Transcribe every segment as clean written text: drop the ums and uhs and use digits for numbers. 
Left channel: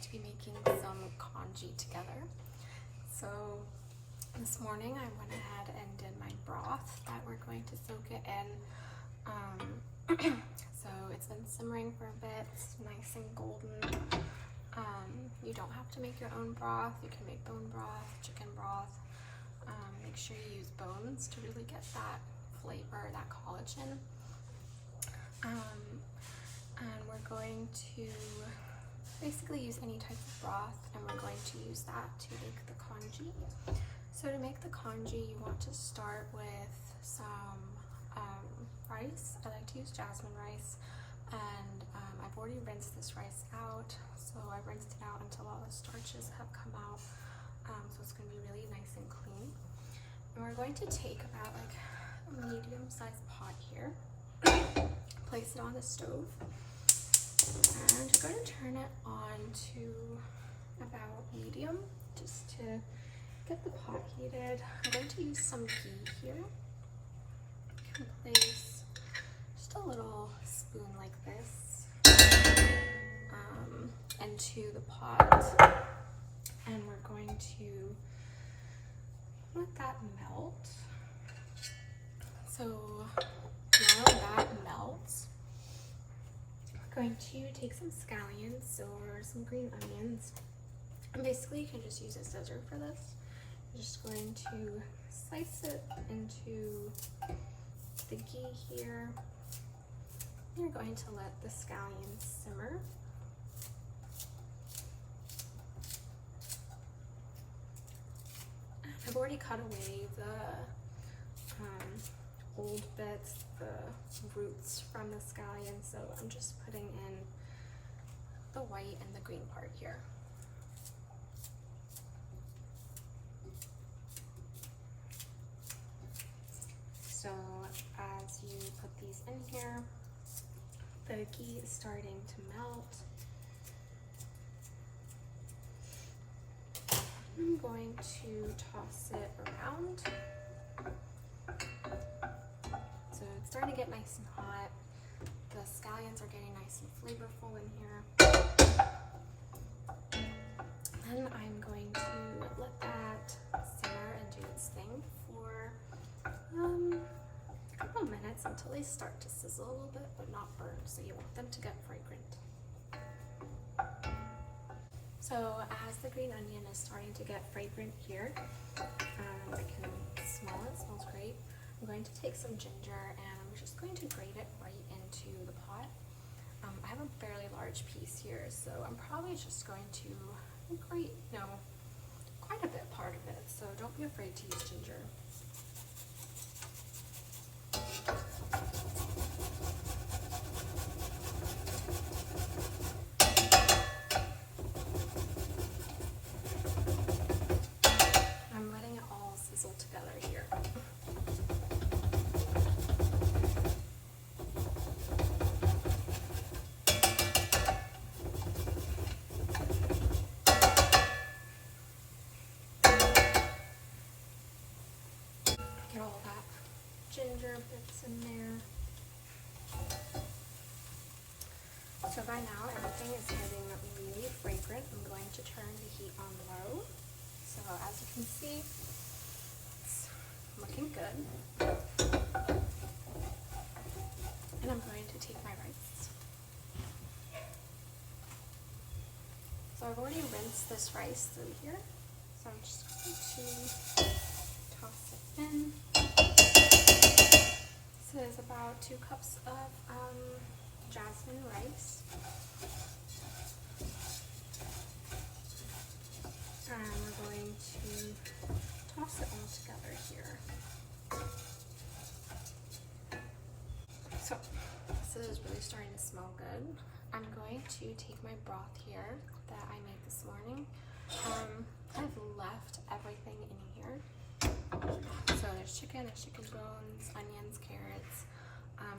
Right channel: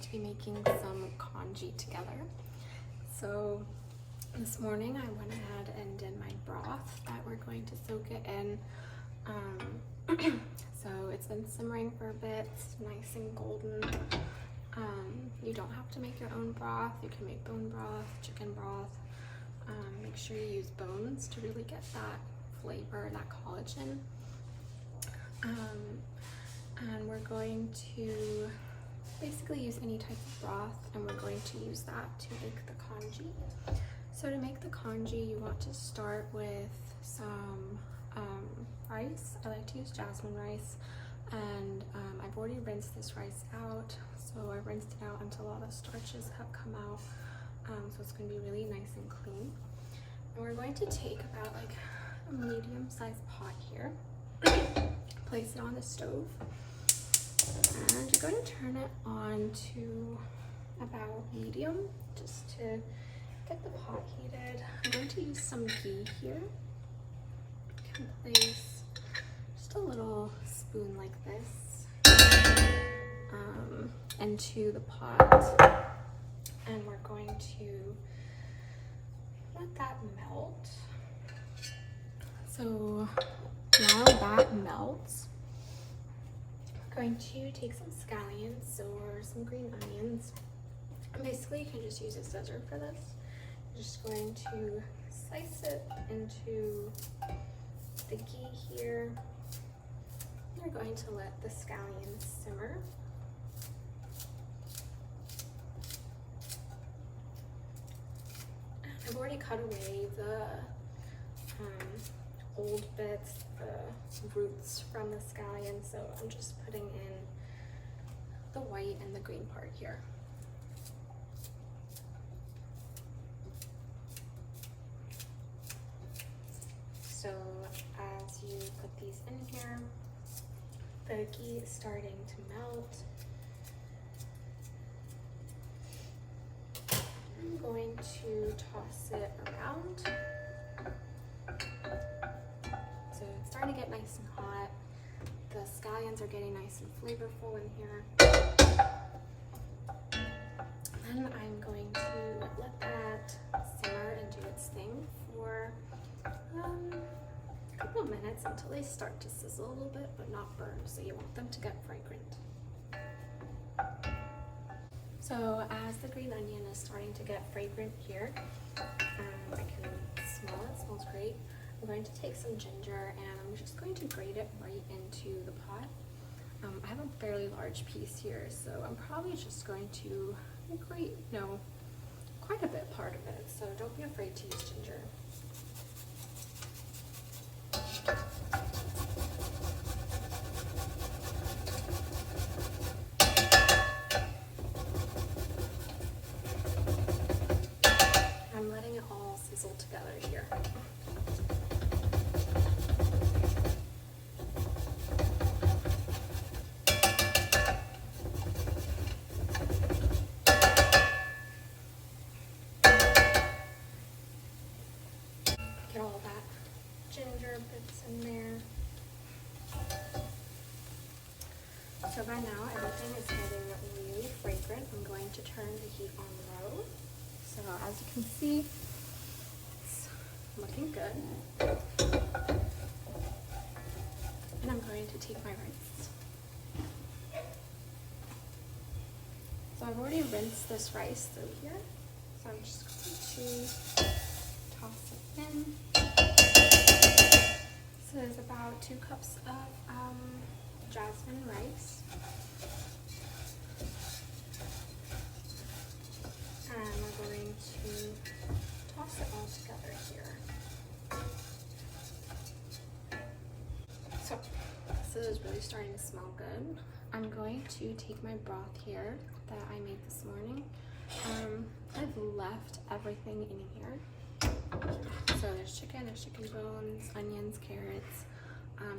to be making some congee together. So this morning I went ahead and did my broth that we're going to soak it in. So it's been simmering for a bit, it's nice and golden. You don't have to make your own broth. You can make bone broth, chicken broth. Make sure you use bones to really get that flavor, that collagen. And we're going to basically use any type of broth, and we're going to use that to make the congee. So to make the congee, you want to start with some rice. I like to use jasmine rice, and I've already rinsed this rice out. So I rinsed it out until all the starches have come out. So it's going to be really nice and clean. And we're going to take about like a medium-sized pot here, place it on the stove, and you're going to turn it on to about medium just to get the pot heated. I'm going to use some ghee here. You can place just a little spoon like this into the pot, and we're going to let that melt. So now that melts, we're going to take some scallions or some green onions. And basically, you can just use a scissor for this. You're just going to slice it into the ghee here. You're going to let the scallions simmer. I've already cut away the old bits, the roots from the scallion, so I'm just putting in the white and the green part here. So as you put these in here, the ghee is starting to melt. I'm going to toss it around. So it's starting to get nice and hot. The scallions are getting nice and flavorful in here. Then I'm going to let that simmer and do its thing for a couple minutes until they start to sizzle a little bit, but not burn. So you want them to get fragrant. So as the green onion is starting to get fragrant here, I can smell it, smells great. I'm going to take some ginger and I'm just going to grate it right into the pot. I have a fairly large piece here, so I'm probably just going to grate, quite a bit part of it. So don't be afraid to use ginger. I'm letting it all sizzle together here. Get all that ginger bits in there. So by now everything is getting really fragrant. I'm going to turn the heat on low. So as you can see, it's looking good. And I'm going to take my rice. So I've already rinsed this rice through here. So I'm just going to toss it in. So there's about 2 cups of jasmine rice. And we're going to toss it all together here. So this is really starting to smell good. I'm going to take my broth here that I made this morning. I've left everything in here. So there's chicken bones, onions, carrots.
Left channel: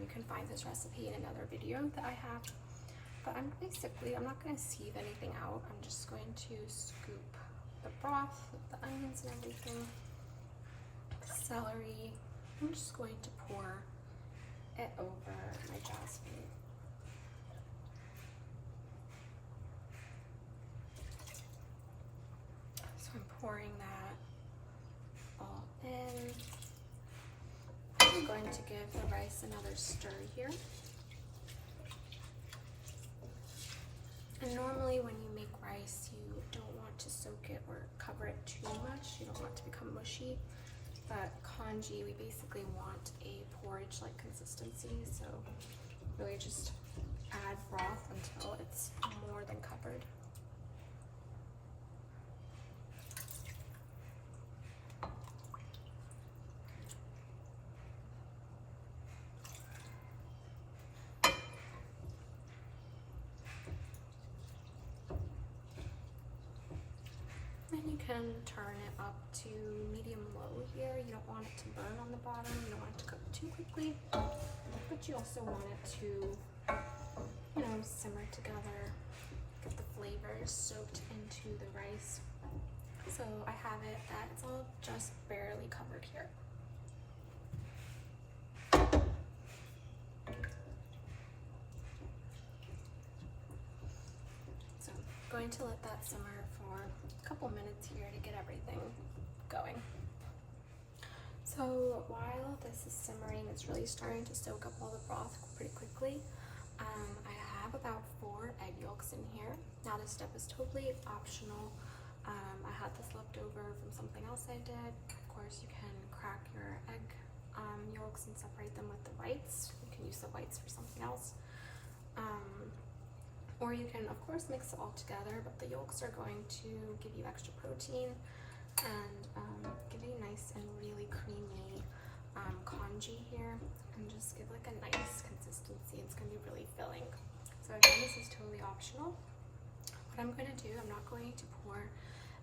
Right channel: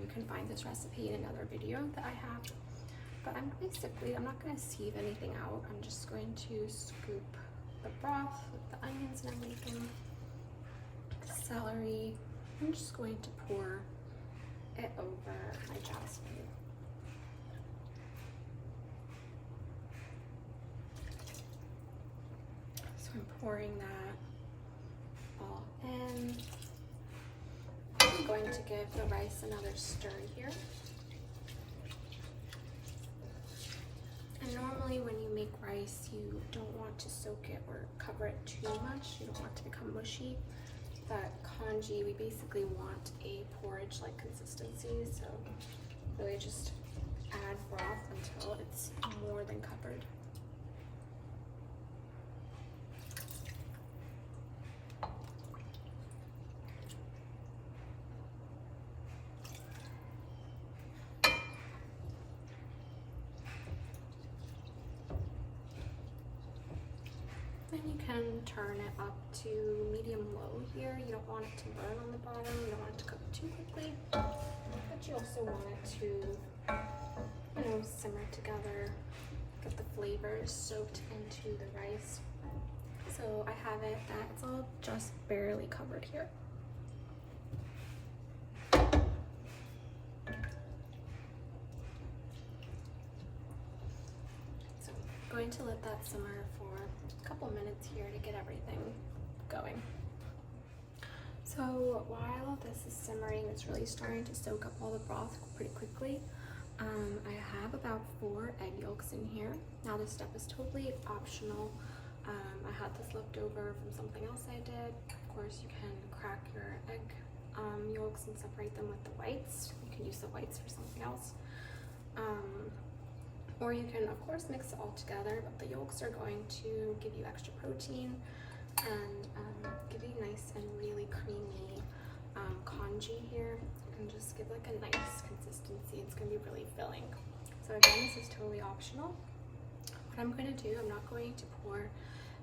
You can find this recipe in another video that I have. But I'm not going to sieve anything out. I'm just going to scoop the broth with the onions and everything, the celery. I'm just going to pour it over my jasmine. I'm pouring that all in. I'm going to give the rice another stir here. And normally when you make rice, you don't want to soak it or cover it too much. You don't want it to become mushy. But congee, we basically want a porridge-like consistency, so really just add broth until it's more than covered. Can turn it up to medium-low here. You don't want it to burn on the bottom. You don't want it to cook too quickly, but you also want it to, simmer together, get the flavors soaked into the rice. So I have it that it's all just barely covered here. So I'm going to let that simmer for a couple minutes here to get everything going. So while this is simmering, it's really starting to soak up all the broth pretty quickly. I have about 4 egg yolks in here. Now this step is totally optional. I had this left over from something else I did. Of course, you can crack your egg yolks and separate them with the whites. You can use the whites for something else. Or you can, of course, mix it all together, but the yolks are going to give you extra protein and give you nice and really creamy congee here, and just give like a nice consistency. It's going to be really filling. So again, this is totally optional. What I'm going to do, I'm not going to pour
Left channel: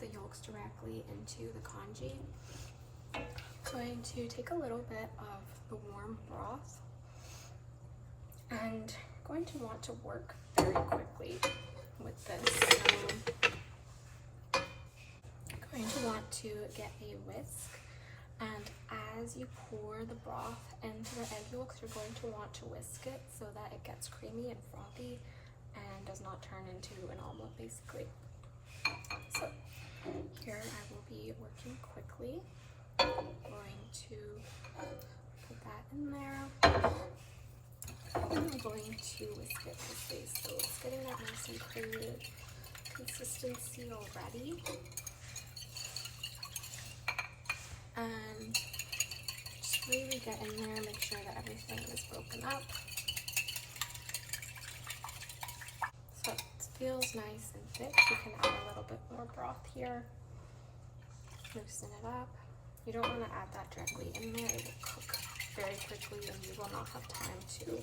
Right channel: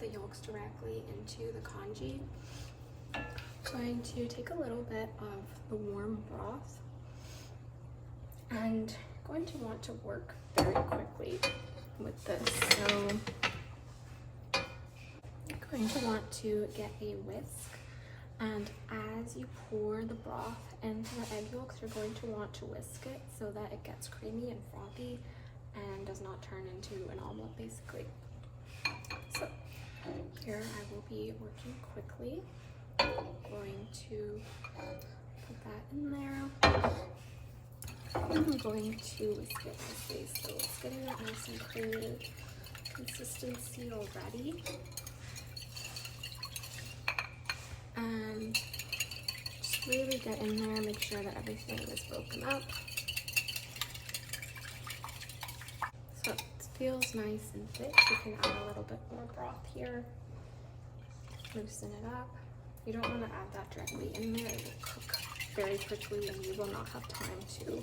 the yolks directly into the congee. I'm going to take a little bit of the warm broth and going to want to work very quickly with this. So I'm going to want to get a whisk, and as you pour the broth into the egg yolks, you're going to want to whisk it so that it gets creamy and frothy and does not turn into an omelet basically. So here I will be working quickly. I'm going to put that in there. I'm going to whisk it nicely, so it's getting that nice and creamy consistency already. Just really get in there, make sure that everything is broken up. So it feels nice and thick. You can add a little bit more broth here. Loosen it up. You don't want to add that directly in there. It will cook very quickly and you will not have time to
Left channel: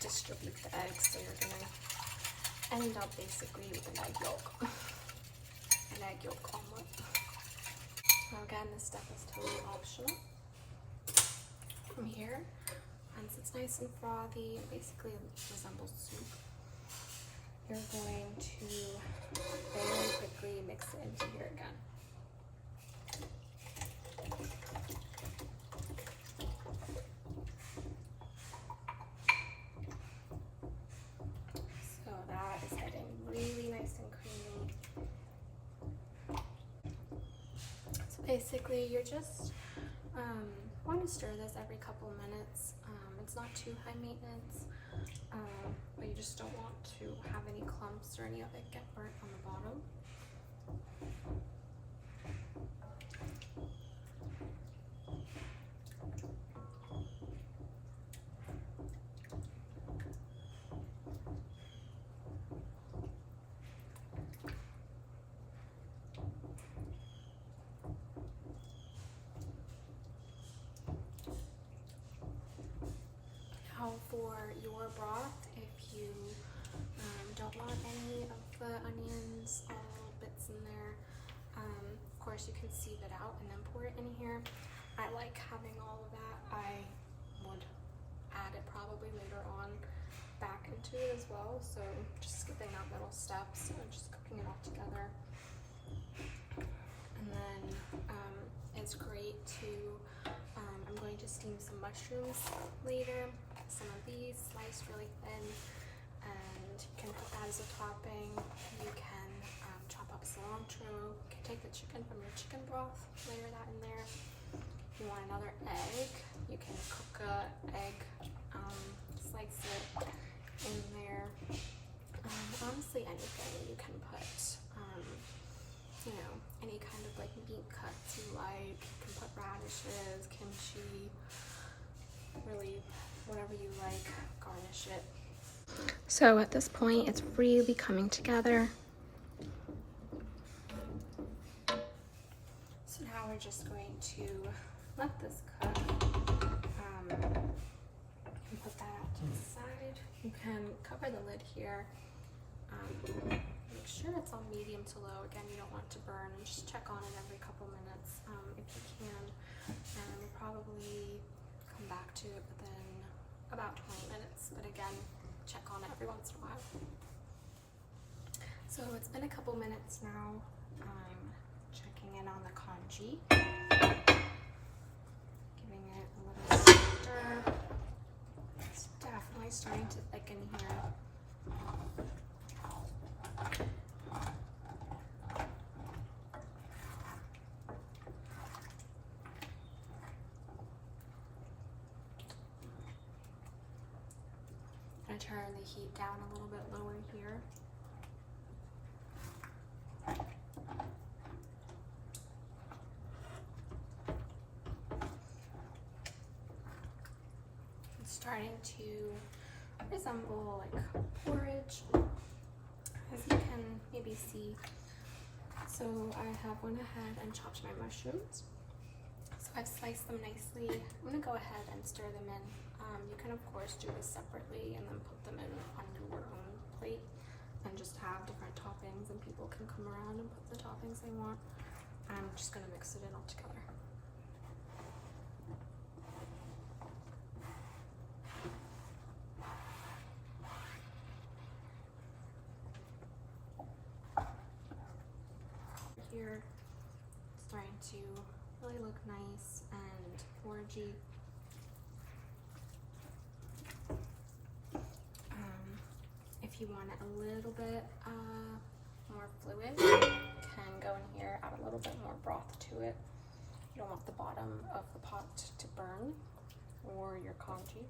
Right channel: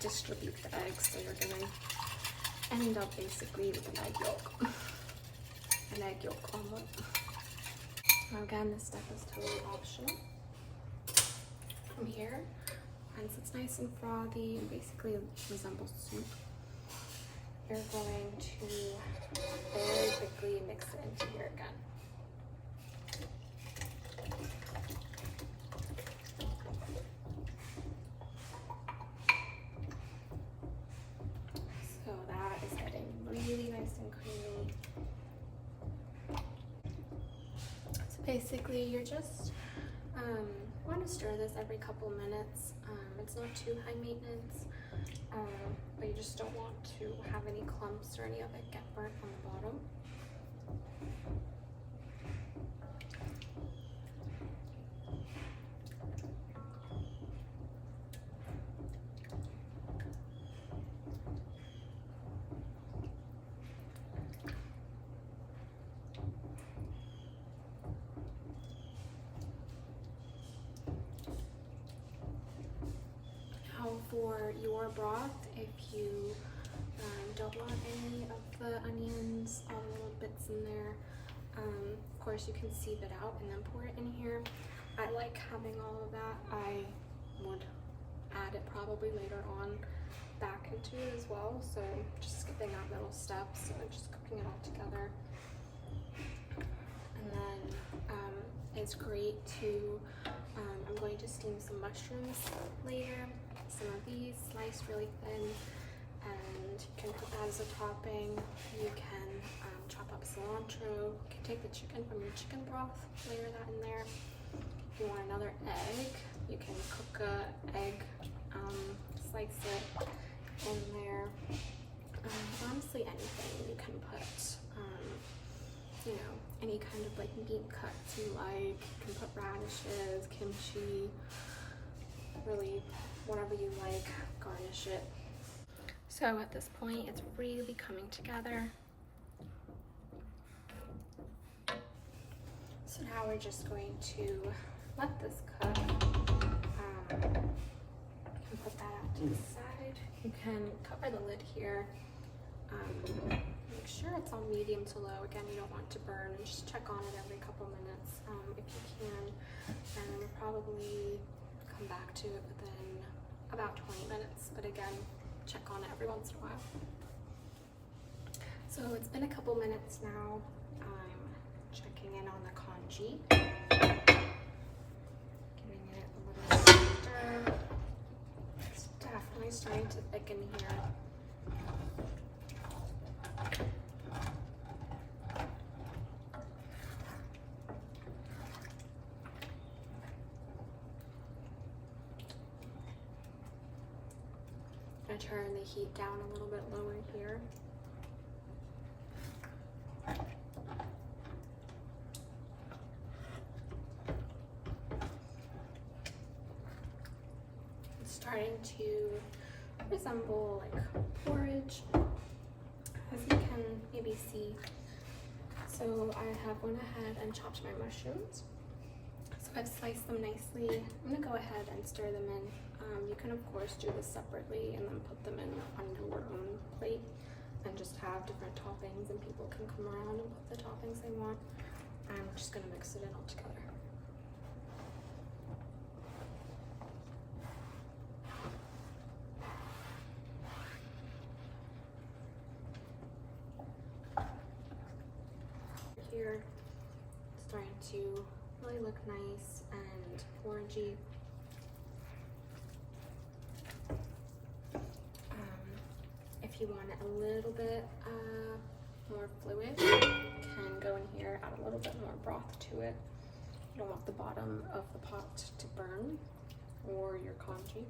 distribute the eggs, so you're going to end up basically with an egg yolk. An egg yolk omelet. Now again, this step is totally optional. From here, once it's nice and frothy and basically resembles soup, you're going to very quickly mix it into here again. So that is getting really nice and creamy. So basically, you're just want to stir this every couple minutes. It's not too high maintenance, but you just don't want to have any clumps or any of it get burnt on the bottom. For your broth, if you don't want any of the onions, all the little bits in there, of course you can sieve it out and then pour it in here. I like having all of that. I would add it probably later on back into it as well, so just skipping that middle step, so just cooking it all together. And then it's great to, I'm going to steam some mushrooms later. Some of these sliced really thin, and you can put that as a topping. You can chop up cilantro. You can take the chicken from your chicken broth, layer that in there. If you want another egg, you can cook a egg, slice it in there. Honestly, anything you can put, you know, any kind of like meat cuts you like. You can put radishes, kimchi, really whatever you like, garnish it. So at this point, it's really coming together. So now we're just going to let this cook, and put that out to the side. You can cover the lid here. Make sure it's on medium to low. Again, you don't want it to burn, and just check on it every couple minutes if you can. And we'll probably come back to it within about 20 minutes, but again, check on it every once in a while. So it's been a couple minutes now. I'm checking in on the congee, giving it a little stir. It's definitely starting to thicken here. I'm gonna turn the heat down a little bit lower here. It's starting to resemble like porridge, as you can maybe see. So I have went ahead and chopped my mushrooms. So I've sliced them nicely. I'm gonna go ahead and stir them in. You can of course do this separately and then put them in on your own plate and just have different toppings, and people can come around and put the toppings they want. I'm just gonna mix it in all together. Here, it's starting to really look nice and orangey. If you want it a little bit more fluid, you can go in here, add a little bit more broth to it. You don't want the bottom of the pot to burn, or your congee.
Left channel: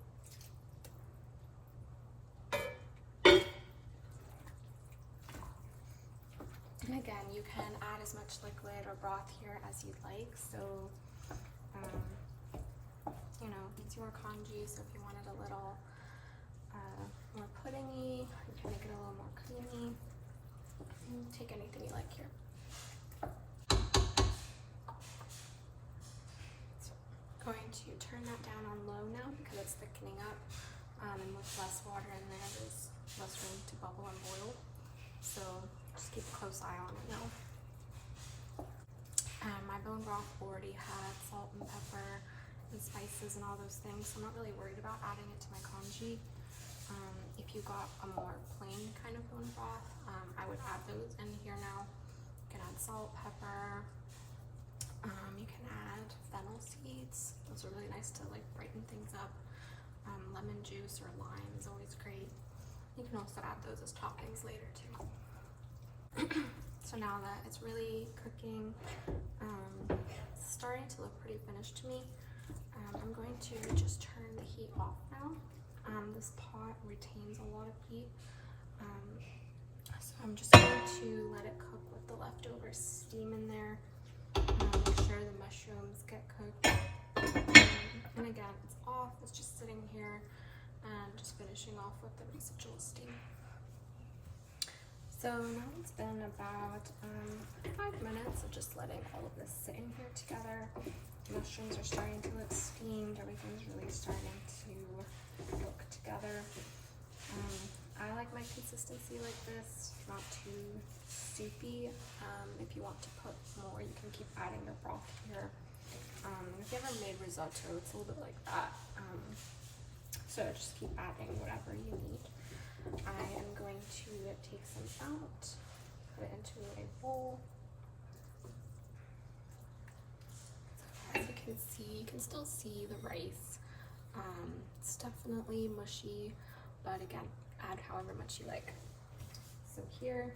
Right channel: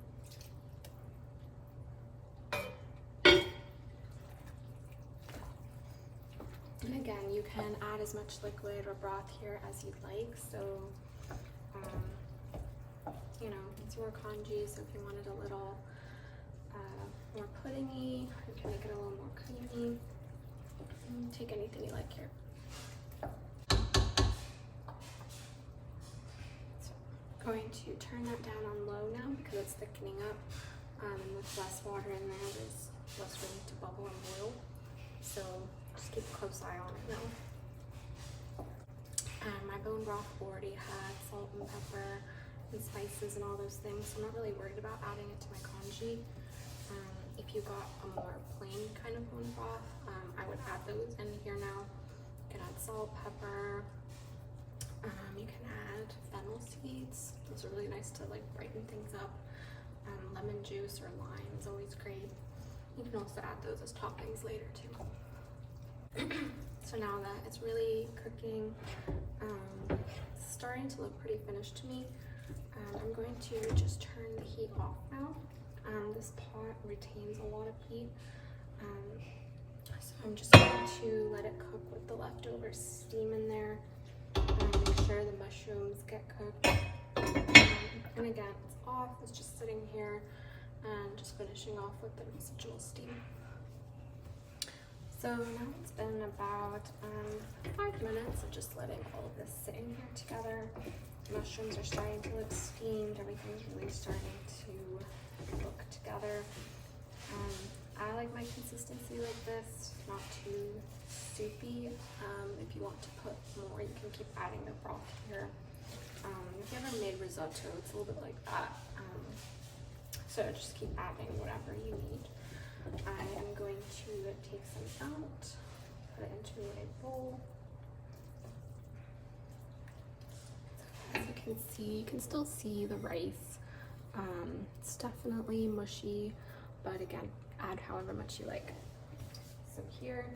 And again, you can add as much liquid or broth here as you'd like. So, you know, it's your congee, so if you wanted a little more puddingy, you can make it a little more creamy. Take anything you like here. So I'm going to turn that down on low now because it's thickening up, and with less water in there, there's less room to bubble and boil. So just keep a close eye on it now. My bone broth already had salt and pepper and spices and all those things, so I'm not really worried about adding it to my congee. If you got a more plain kind of bone broth, I would add those in here now. You can add salt, pepper. You can add fennel seeds. Those are really nice to like brighten things up. Lemon juice or lime is always great. You can also add those as toppings later too. So now that it's really cooking, it's starting to look pretty finished to me. I'm going to just turn the heat off now. This pot retains a lot of heat, so I'm just going to let it cook with the leftover steam in there. Make sure the mushrooms get cooked. And again, it's off, it's just sitting here and just finishing off with the residual steam. So now it's been about 5 minutes of just letting all of this sit in here together. Mushrooms are starting to look steamed, everything's really starting to look together. I like my consistency like this, not too soupy. If you want to put more, you can keep adding the broth here. If you ever made risotto, it's a little bit like that. So just keep adding whatever you need. I am going to take some out, put it into a bowl. So as you can see, you can still see the rice. It's definitely mushy, but again, add however much you like. So here,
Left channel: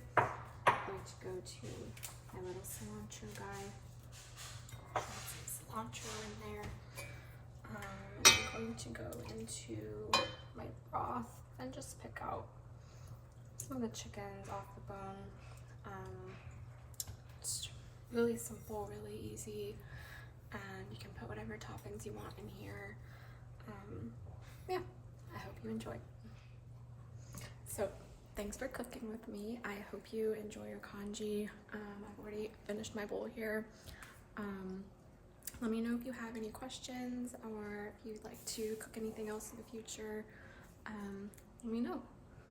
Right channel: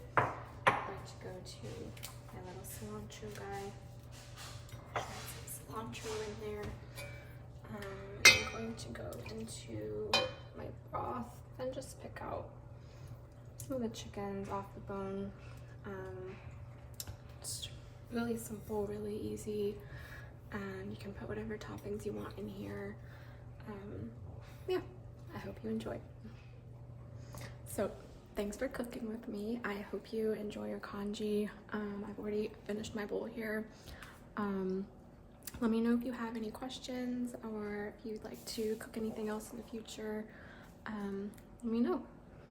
going to go to my little cilantro guy. Some cilantro in there. I'm going to go into my broth and just pick out some of the chickens off the bone. It's really simple, really easy, and you can put whatever toppings you want in here. Yeah, I hope you enjoy. So thanks for cooking with me. I hope you enjoy your congee. I've already finished my bowl here. Let me know if you have any questions or if you'd like to cook anything else in the future. Let me know.